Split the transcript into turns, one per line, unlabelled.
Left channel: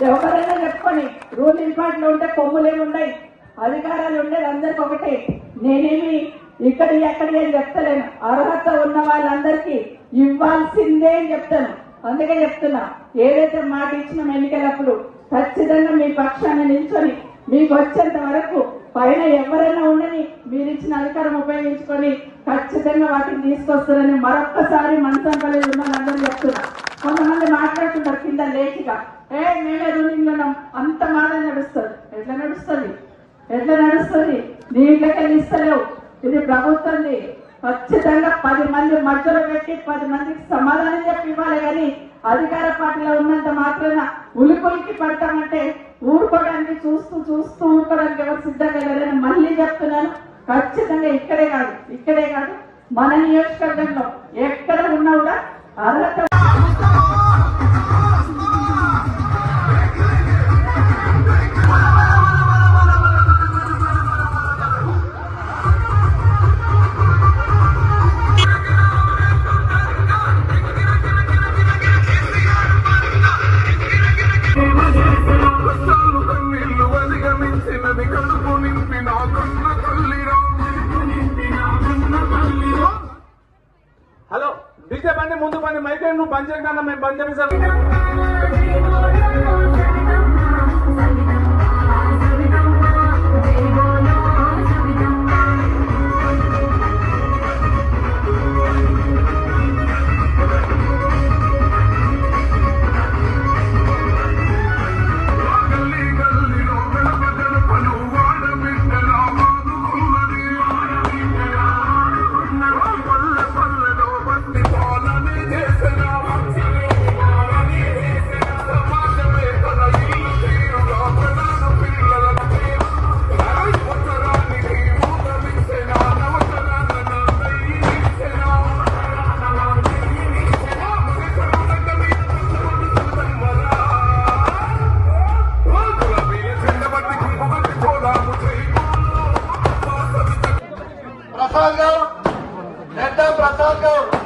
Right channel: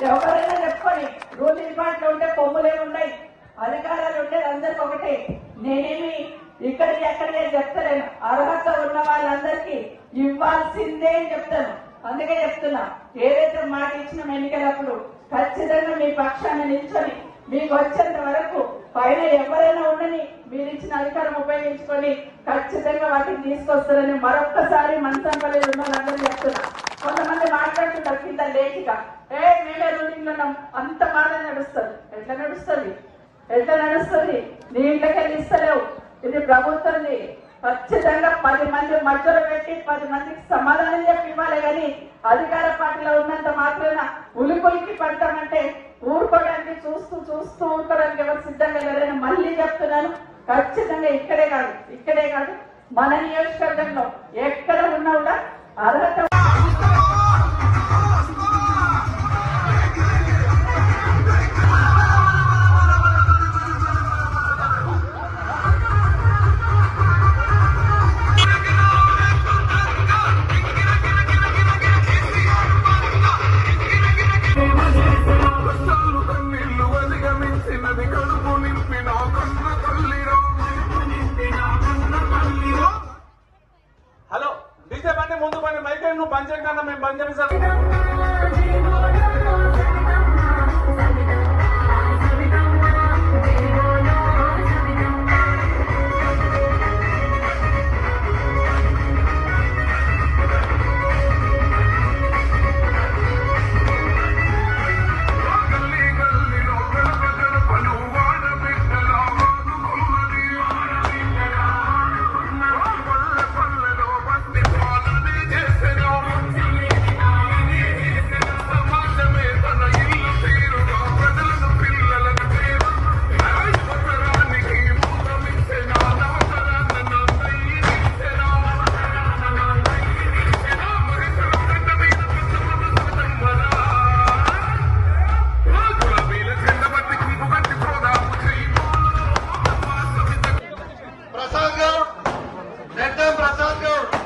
ఎవరైనా చెప్పుకొని రూలింగ్ పార్టీలో ఉంటే కొమ్ములేమి ఉన్నాయి అధికారాలు ఉండేది అందరికి ఒకటే. నేనేమి ఇక్కడ ఎక్కడ అని చెప్తలేను. అర్హత ఉన్న వాళ్ళందరికీ ఇవ్వాల్సిందే అని చెప్తాను. అందుకే చెప్తున్నా ఏదైతే మాట ఇచ్చిన ఎన్నికలప్పుడు ఖచ్చితంగా మీ పక్షాన్ని నిల్చొని మీకు వచ్చేంత వరకు పైన ఎవరైనా ఉండని మీరు ఇచ్చిన అధికారం ఉపయోగించుకొని ఖచ్చితంగా వాటిని తీసుకొస్తారని మరొక్కసారి మనసంపల్లి ఉన్న వాళ్ళందరూ చెప్తున్నా. ఏ మేమే రూలింగ్లో అంత మాదే నడుస్తుంది. ఎట్లా నడుస్తుంది? ఎట్లా నడుస్తుంది? నీ ఇంట్లోకి ఇస్తలేవు ఇది ప్రభుత్వంది. ఖచ్చితంగా పది మంది మధ్యలో పెట్టి పది మందికి సమాధానం చెప్పి ఇవ్వాలి కానీ అధికార పార్టీలో ఉన్నంత మాత్రాన ఉలికొలికి పడతామంటే ఊరుకోవడానికి చూస్తూ చూస్తూ ఊరుకోవడానికి ఎవరు సిద్ధంగా లేదని మళ్ళీ చెప్తున్నాను. ఖచ్చితంగా ఇక్కడే కాదు. ఇక్కడే కాదు. మన నియోజకవర్గంలో ఎక్కడ ఉన్నా కూడా అర్హత
पंचर का मैं पंचर सर Nereden bırakalım.